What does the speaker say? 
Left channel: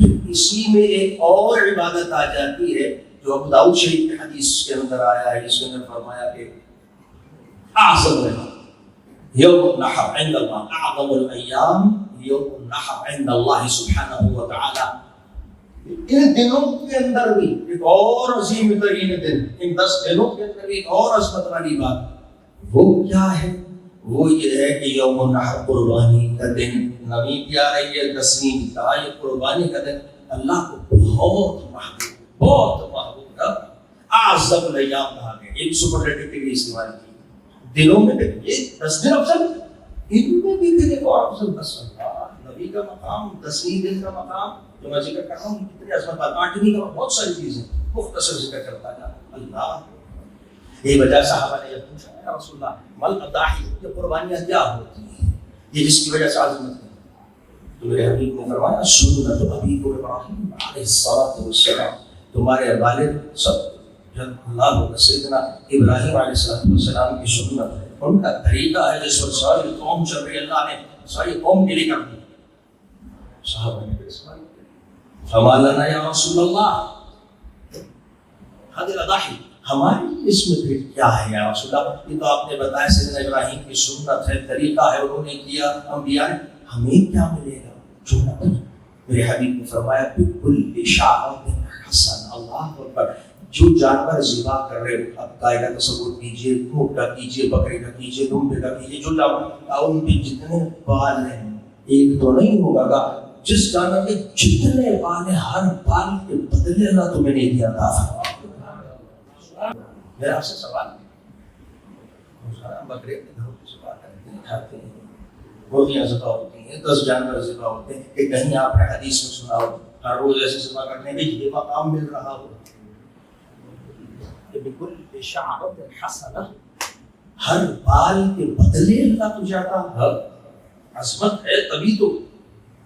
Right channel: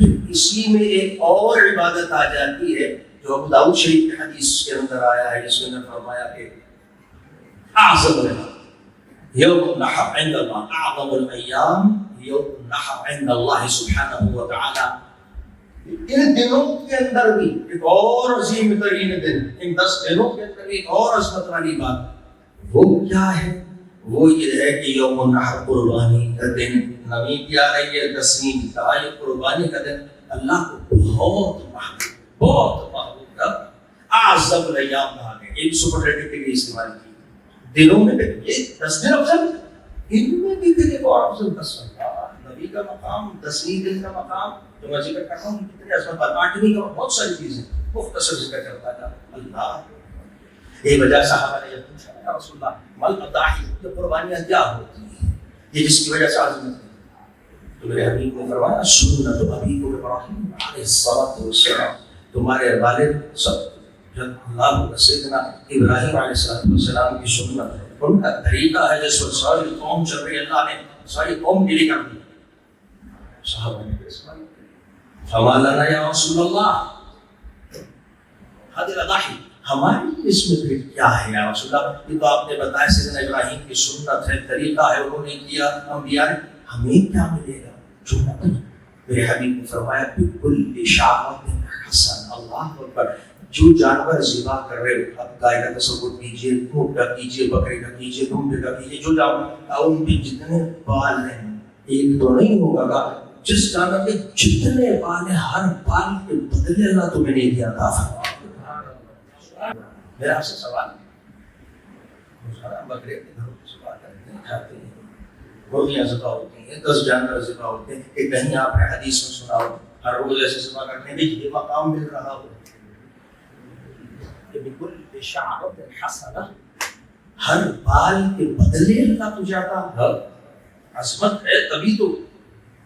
پھر اسی میں ایک اور عبادت آ جاتی ہے جو ابو داؤد شریف کی حدیث کے اندر آیا ہے، اس کے اندر فرمایا کہ اعظم یوم النحر عند اللہ، اعظم الایام یوم النحر عند اللہ سبحانہ وتعالی۔ ان دنوں کے اندر بھی ایک اور عظیم ترین دن، ان 10 دنوں کے اندر ایک اور عظمت والی بات، وہ کیا ہے؟ وہ یہ ہے کہ یوم النحر قربانی کا دن، نبی کی آ رہی ہے 10ویں یہ قربانی کا دن اللہ کو بہت محبوب تھا، اعظم الایام کہا گیا، ایک سپرلیٹو کے لیے استعمال کی دنوں میں۔ یہ 10 دن افضل، ان میں بھی پھر ایک اور افضل 10 نبی کا مقام، 10ویں دن کا مقام جو میں ذکر کر رہا ہوں، کتنی عظمت، 8ویں کا بہت ساری چیزیں مختصر ذکر کرتا تھا اللہ۔ یہ وجہ صحابہ نے یہ پوچھا یا رسول اللہ مل اضاحی، یہ قربانیاں کیا ہوتی ہیں، یہ جس کی وجہ سے عظمت ہے؟ تو میرے حبیب نے فرمایا سنت ابیکم ابراہیم علیہ الصلوۃ والسلام، تمہارے والد سب جب اللہ سیدنا ابراہیم علیہ السلام کی سنت ہے، ان کا طریقہ ہے جس پر ساری قوم چل رہی ہے، اللہ نے ساری قوم کے لیے کر دی۔ صحابہ نے فما لنا یا رسول اللہ هذه الاضاحی، ہماری اس میں پھر کیا ہے یا رسول اللہ؟ یہ تو آپ نے بتایا سیدنا ابراہیم کی سنت ہے، طریقہ ہے، انہوں نے کیا، انبیاء نے، ہمیں کیا ملے گا؟ سنت۔ میرے حبیب نے فرمایا بکل شعرۃ حسن، اللہ اکبر، جو جانور ذبح کر رہے ہو، اب گائے کا تصور کیجیے، اونٹ کا کیجیے، بکرے کا کیجیے، دمبے کا کیجیے، جو جانور ان کے جتنے بال ہیں، ایک تو نہیں ہوگا گا، جس جانور کے جتنے بال ہیں ہر بال کے بدلے اللہ تمہیں نہیں دیا تھا۔ میرا آپ سے سوال ہے، بکرے کے گھروں کی ذبح کرتے ہیں، کھاتے ہیں، روٹیاں ذبح ہوتی ہیں، 10 جانور ذبح ہوتے ہیں، کہ کہیں آپ نے حدیث میں سنا ہو ہر روز ایسے ذبح کرنے میں یہ مقام مل رہا ہو؟ بکل شعرۃ حسنہ، ہر بال کے بدلے اللہ تجھے عطا، عظمت ہے، تبھی تو